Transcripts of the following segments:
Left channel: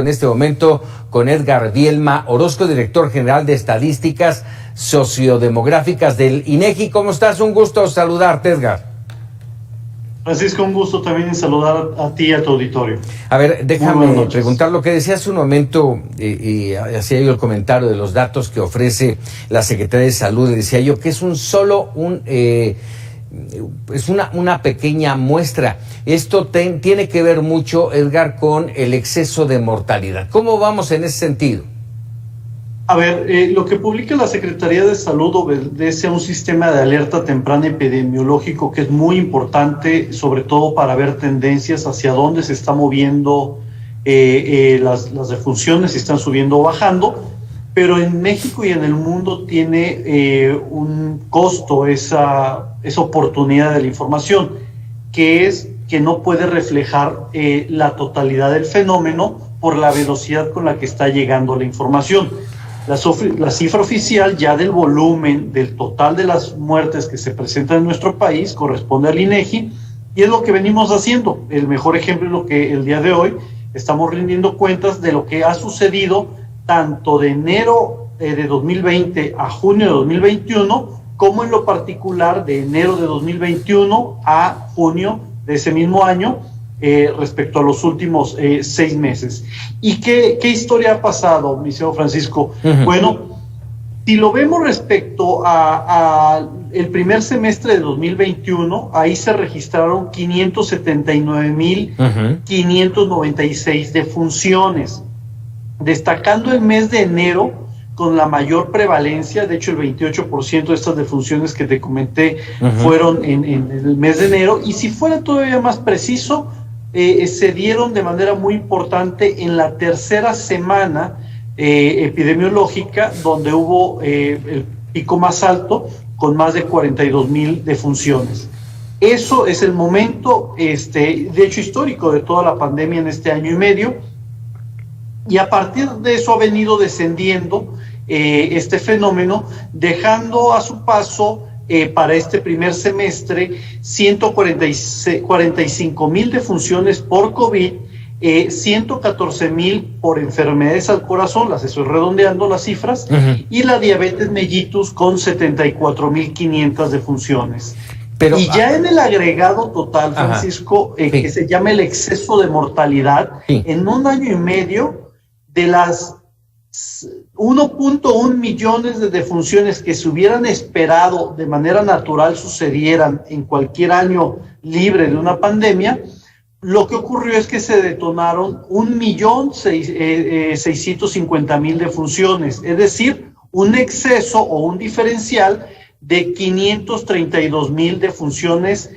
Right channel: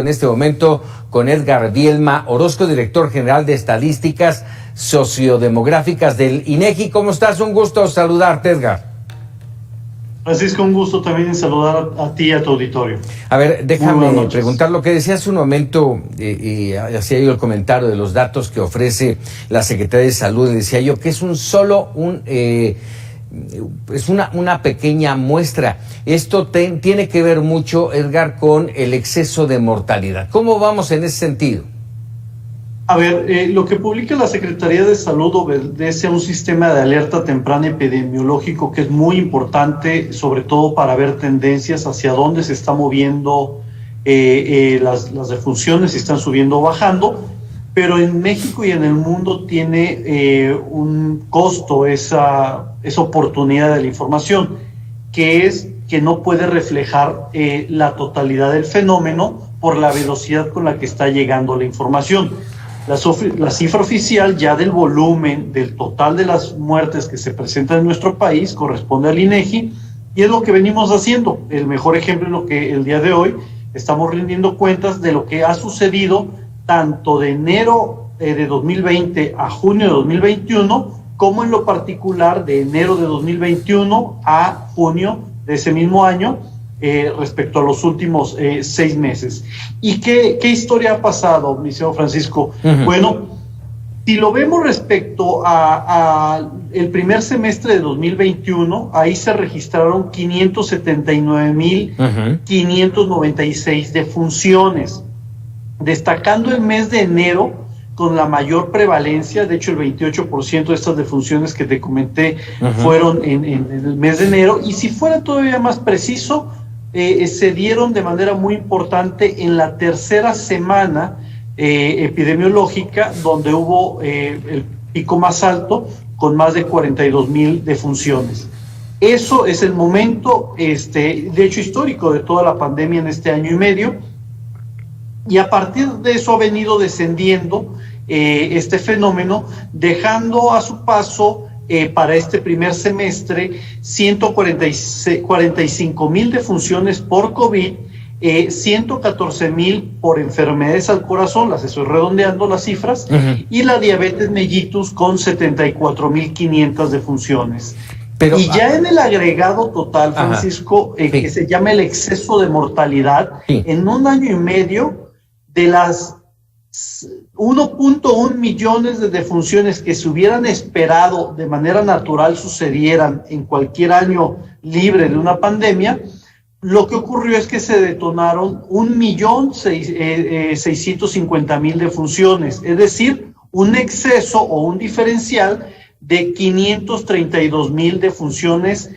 En este momento con Edgar Bielma Orozco, director general de Estadísticas Sociodemográficas del INEGI. ¿Cómo estás? Un gusto saludarte, Edgar. Francisco, un gusto también saludar a ti y a tu auditorio. A ver, déjame preguntar lo que decía hace un momento, y hacía yo el comentario de los datos que ofrece la Secretaría de Salud. Decía yo que es una pequeña muestra. Esto tiene que ver mucho, Edgar, con el exceso de mortalidad. ¿Cómo vamos en ese sentido? A ver, lo que publica la Secretaría de Salud obedece a un sistema de alerta temprana epidemiológico que es muy importante, sobre todo para ver tendencias hacia dónde se está moviendo las defunciones, si están subiendo o bajando. Pero en México y en el mundo tiene un costo esa oportunidad de la información, que es que no puede reflejar la totalidad del fenómeno por la velocidad con la que está llegando la información. La cifra oficial ya del volumen del total de las muertes que se presentan en nuestro país corresponde al INEGI, y es lo que venimos haciendo. El mejor ejemplo es lo que el día de hoy estamos rindiendo cuentas de lo que ha sucedido tanto de enero de 2020 a junio de 2021, como en lo particular de enero de 2021 a junio de ese mismo año, respecto a los últimos 6 meses. ¿Y qué historia ha pasado, mi señor Francisco? Uh-huh. Bueno, si lo vemos respecto a el primer semestre de 2021, ahí se registraron 579,596 defunciones, destacando el mes de enero con la mayor prevalencia. De hecho, el 28% de estas defunciones que te comenté fueron en el mes de enero, y si fuera todavía más preciso, se dieron de manera muy importante en la tercera semana epidemiológica, donde hubo el pico más alto, con más de 42,000 defunciones. Eso es el momento, de hecho, histórico de toda la pandemia en este año y medio, y a partir de eso ha venido descendiendo este fenómeno, dejando a su paso para este primer semestre 145,000 defunciones por COVID, 114,000 por enfermedades al corazón, las estoy redondeando las cifras, y la diabetes mellitus con 74,500 defunciones. Pero, y ya en el agregado total, Francisco, que se llama el exceso de mortalidad, en un año y medio, de las 1.1 millones de defunciones que se hubieran esperado de manera natural sucedieran en cualquier año libre de una pandemia, lo que ocurrió es que se detonaron 1,650,000 defunciones, es decir, un exceso o un diferencial de 532,000 defunciones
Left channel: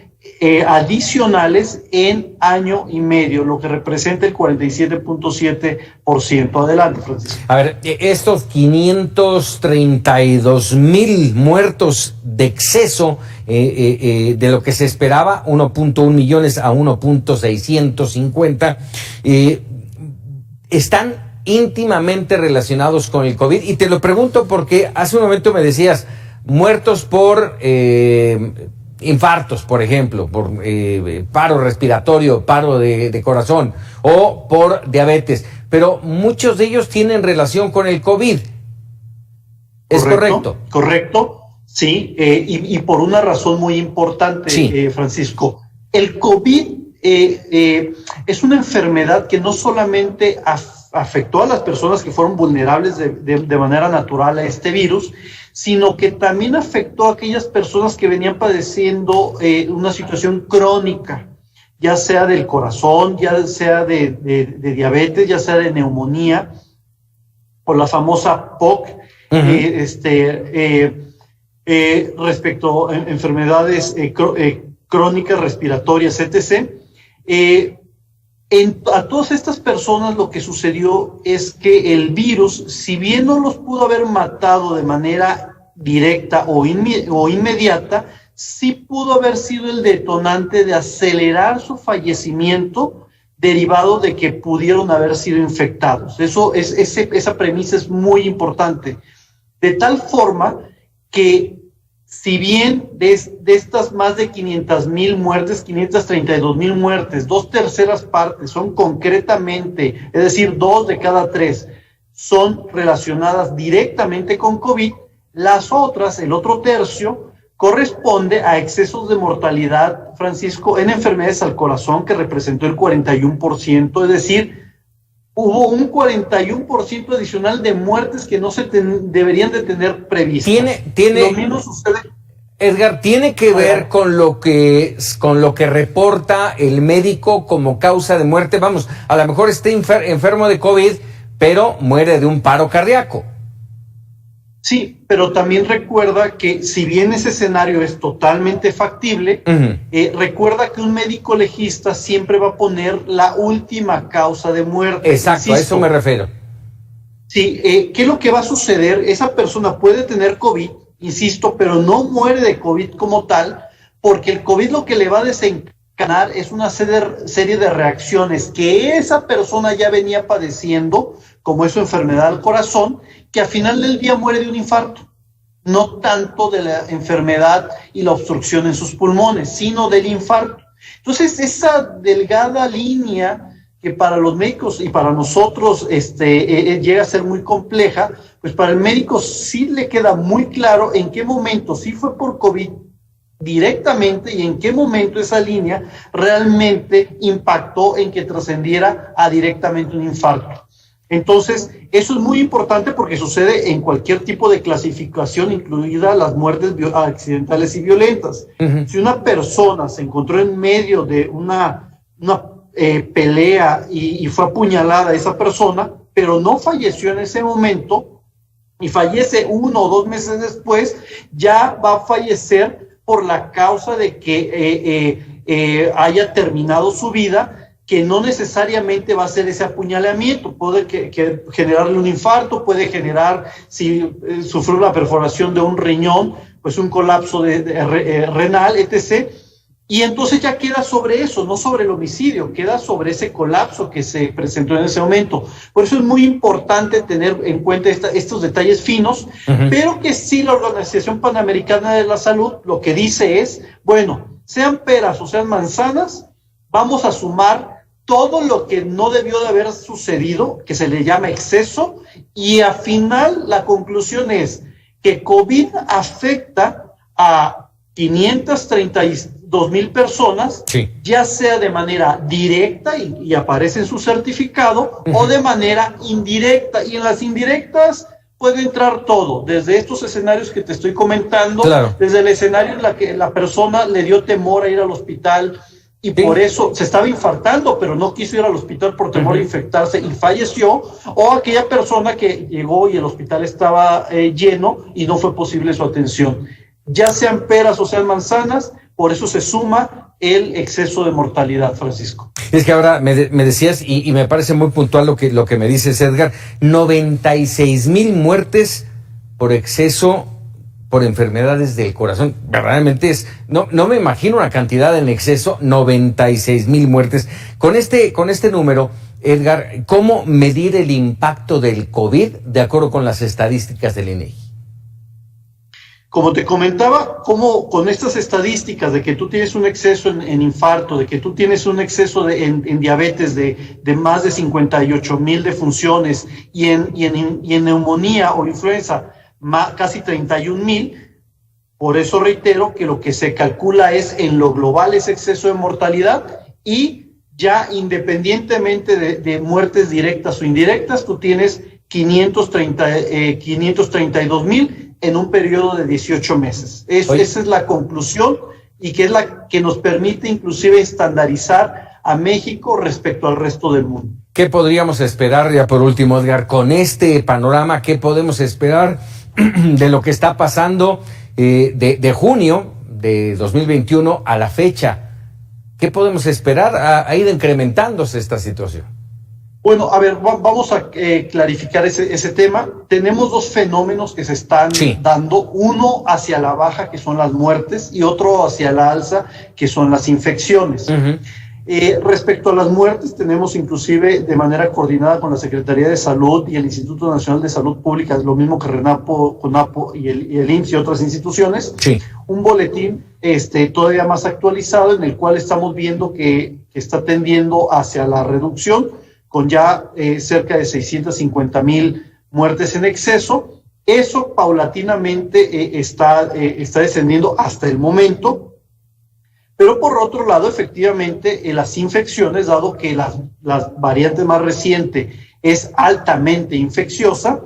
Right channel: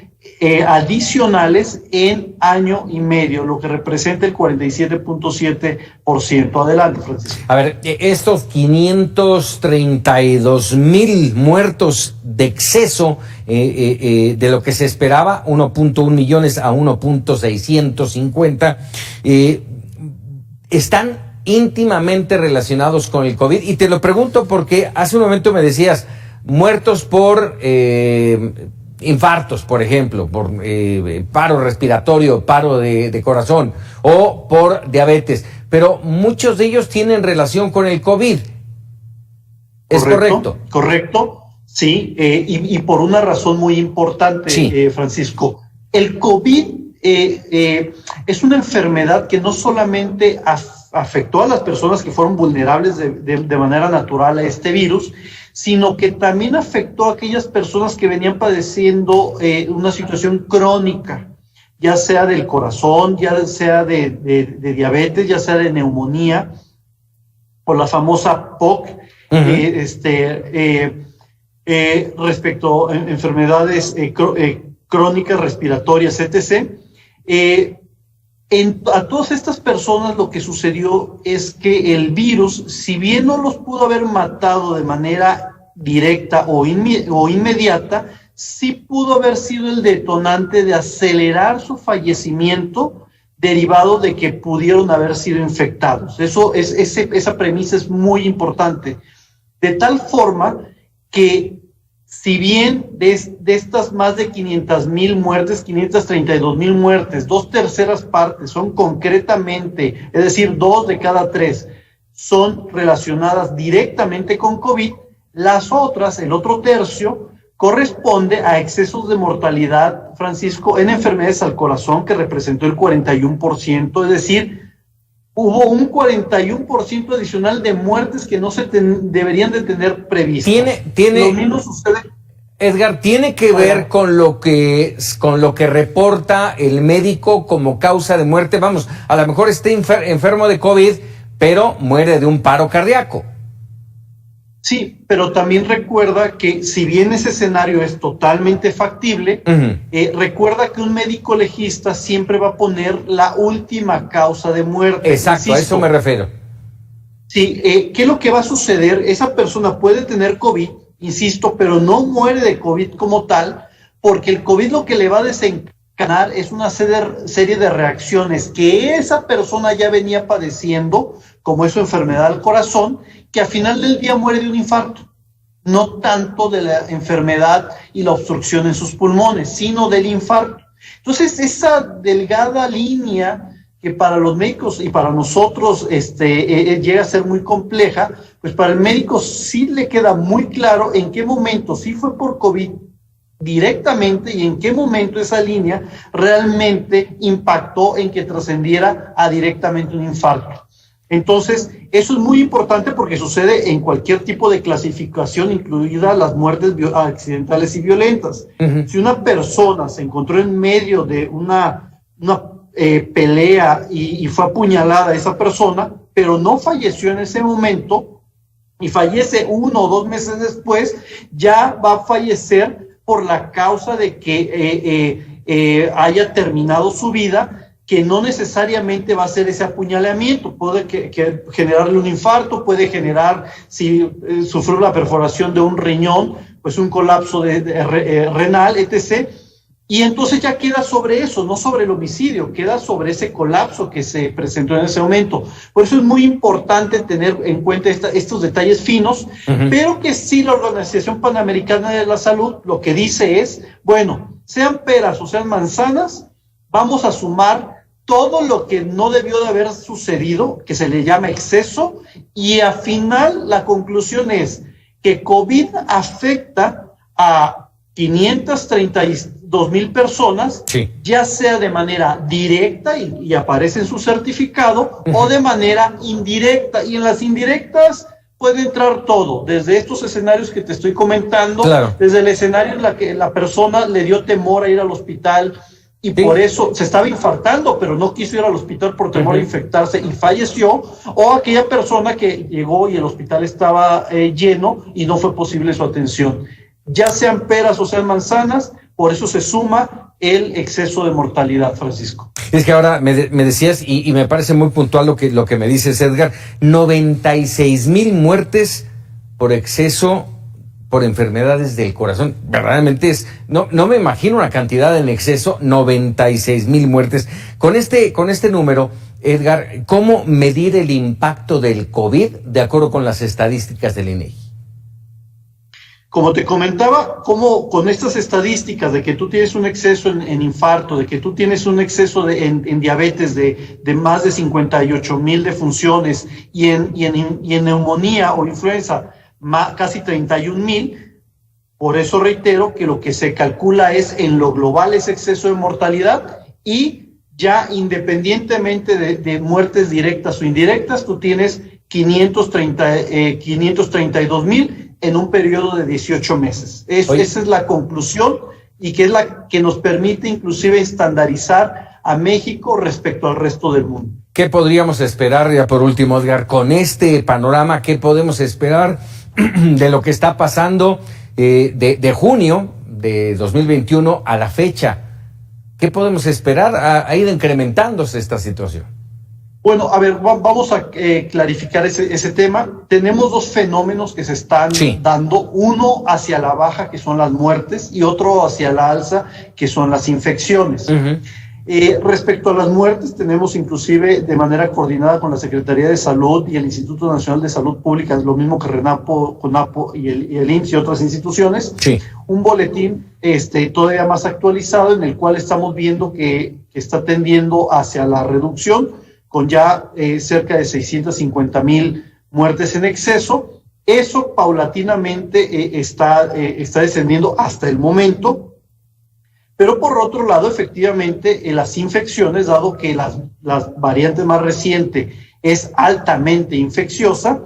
adicionales en año y medio, lo que representa el 47.7%. Adelante, Francisco. A ver, estos 532,000 muertos de exceso de lo que se esperaba, 1.1 millones a 1.650, están íntimamente relacionados con el COVID. Y te lo pregunto porque hace un momento me decías, muertos por infartos, por ejemplo, por paro respiratorio, paro de corazón, o por diabetes, pero muchos de ellos tienen relación con el COVID. ¿Es correcto? Correcto, sí, y por una razón muy importante, sí. Francisco. El COVID es una enfermedad que no solamente afectó a las personas que fueron vulnerables de manera natural a este virus, sino que también afectó a aquellas personas que venían padeciendo una situación crónica, ya sea del corazón, ya sea de diabetes, ya sea de neumonía, por la famosa POC, respecto a enfermedades crónicas, respiratorias, etc. A todas estas personas lo que sucedió es que el virus, si bien no los pudo haber matado de manera directa o inmediata, sí pudo haber sido el detonante de acelerar su fallecimiento derivado de que pudieron haber sido infectados. Esa premisa es muy importante, de tal forma que si bien de estas más de 500,000 muertes, 532,000 muertes, 2/3 partes son concretamente, es decir, 2 de cada 3 son relacionadas directamente con COVID, las otras, el otro tercio, corresponde a excesos de mortalidad, Francisco, en enfermedades al corazón, que representó el 41%, es decir, hubo un 41% adicional de muertes que no se deberían de tener previstas. Lo mismo sucede. Edgar, ¿tiene que ver con lo que reporta el médico como causa de muerte? Vamos, a lo mejor está enfermo de COVID, pero muere de un paro cardíaco. Sí, pero también recuerda que si bien ese escenario es totalmente factible, recuerda que un médico legista siempre va a poner la última causa de muerte. Exacto, a eso me refiero. Sí, ¿qué es lo que va a suceder? Esa persona puede tener COVID, insisto, pero no muere de COVID como tal, porque el COVID lo que le va a desencadenar es una serie de reacciones que esa persona ya venía padeciendo, como es su enfermedad al corazón, que al final del día muere de un infarto, no tanto de la enfermedad y la obstrucción en sus pulmones, sino del infarto. Entonces, esa delgada línea que para los médicos y para nosotros llega a ser muy compleja, pues para el médico sí le queda muy claro en qué momento sí fue por COVID directamente y en qué momento esa línea realmente impactó en que trascendiera a directamente un infarto. Entonces, eso es muy importante porque sucede en cualquier tipo de clasificación, incluidas las muertes accidentales y violentas. Si una persona se encontró en medio de una pelea y fue apuñalada esa persona, pero no falleció en ese momento y fallece 1 o 2 meses después, ya va a fallecer por la causa de que haya terminado su vida, que no necesariamente va a ser ese apuñalamiento, puede generarle un infarto, puede generar, si sufrió la perforación de un riñón, pues un colapso renal, etc. Y entonces ya queda sobre eso, no sobre el homicidio, queda sobre ese colapso que se presentó en ese momento. Por eso es muy importante tener en cuenta estos detalles finos, pero que sí la Organización Panamericana de la Salud lo que dice es, bueno, sean peras o sean manzanas, vamos a sumar todo lo que no debió de haber sucedido, que se le llama exceso, y al final la conclusión es que COVID afecta a 532,000 personas, sí, ya sea de manera directa y aparece en su certificado, o de manera indirecta, y en las indirectas puede entrar todo, desde estos escenarios que te estoy comentando, claro, desde el escenario en la que la persona le dio temor a ir al hospital, y sí, por eso se estaba infartando, pero no quiso ir al hospital por temor a infectarse y falleció, o aquella persona que llegó y el hospital estaba lleno y no fue posible su atención. Ya sean peras o sean manzanas, por eso se suma el exceso de mortalidad, Francisco. Es que ahora me decías, y me parece muy puntual lo que me dices, Edgar, 96,000 muertes por exceso por enfermedades del corazón. Verdaderamente no me imagino una cantidad en exceso, 96,000 muertes. Con este número, Edgar, ¿cómo medir el impacto del COVID de acuerdo con las estadísticas del INEGI? Como te comentaba, como con estas estadísticas de que tú tienes un exceso en infarto, de que tú tienes un exceso en diabetes de más de 58,000 defunciones y en neumonía o influenza casi 31,000, por eso reitero que lo que se calcula es en lo global ese exceso de mortalidad, y ya independientemente de muertes directas o indirectas, tú tienes 532,000 en un periodo de 18 meses. Esa es la conclusión, y que es la que nos permite inclusive estandarizar a México respecto al resto del mundo. ¿Qué podríamos esperar, ya por último, Edgar, con este panorama? ¿Qué podemos esperar de lo que está pasando de junio de 2021 a la fecha? ¿Qué podemos esperar? Ha ido incrementándose esta situación. Bueno, a ver, vamos a clarificar ese tema. Tenemos 2 fenómenos que se están dando, uno hacia la baja, que son las muertes, y otro hacia la alza, que son las infecciones. Respecto a las muertes, tenemos inclusive de manera coordinada con la Secretaría de Salud y el Instituto Nacional de Salud Pública, lo mismo que RENAPO, CONAPO y el IMSS y otras instituciones, sí, un boletín todavía más actualizado en el cual estamos viendo que está tendiendo hacia la reducción con ya cerca de 650,000 muertes en exceso. Eso paulatinamente está descendiendo hasta el momento. Pero por otro lado, efectivamente, las infecciones, dado que la variante más reciente es altamente infecciosa,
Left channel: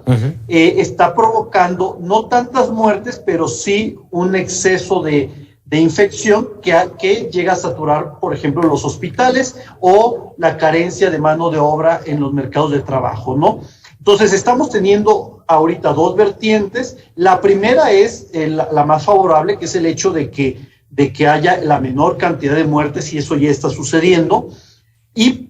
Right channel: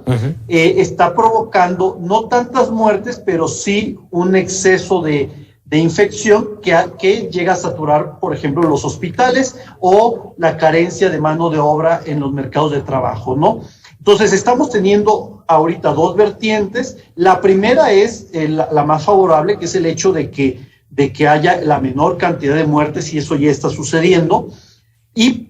está provocando no tantas muertes, pero sí un exceso de infección que llega a saturar, por ejemplo, los hospitales o la carencia de mano de obra en los mercados de trabajo, ¿no? Entonces, estamos teniendo ahorita dos vertientes. La primera es la más favorable, que es el hecho de que haya la menor cantidad de muertes, y eso ya está sucediendo. Y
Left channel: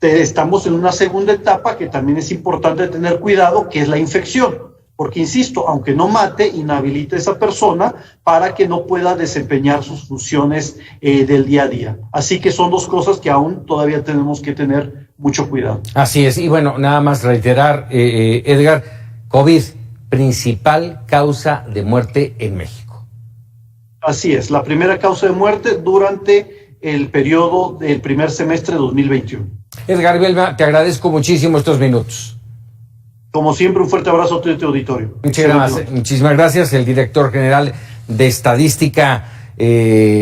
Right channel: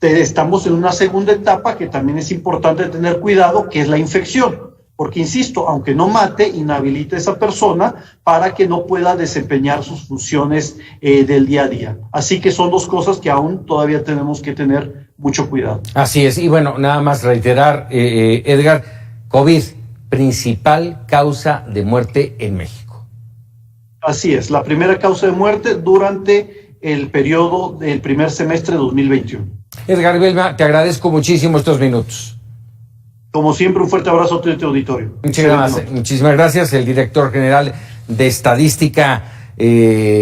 estamos en una segunda etapa que también es importante tener cuidado, que es la infección. Porque, insisto, aunque no mate, inhabilita a esa persona para que no pueda desempeñar sus funciones del día a día. Así que son dos cosas que aún todavía tenemos que tener mucho cuidado. Así es. Y bueno, nada más reiterar, Edgar, COVID, principal causa de muerte en México. Así es, la primera causa de muerte durante el periodo del primer semestre de 2021. Edgar Belma, te agradezco muchísimo estos minutos. Como siempre, un fuerte abrazo a todo tu auditorio. Muchísimas gracias, el director general de Estadística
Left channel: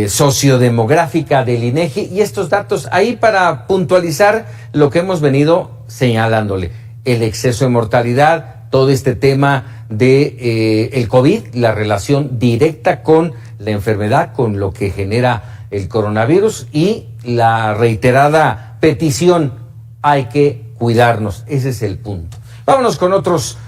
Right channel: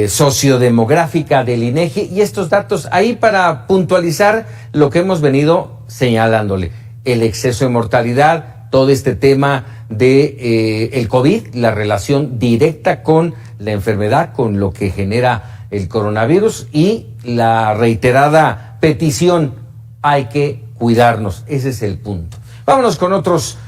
Sociodemográfica del INEGI, y estos datos ahí para puntualizar lo que hemos venido señalándole, el exceso de mortalidad, todo este tema de el COVID, la relación directa con la enfermedad, con lo que genera el coronavirus, y la reiterada petición, hay que cuidarnos. Ese es el punto. Vámonos con otros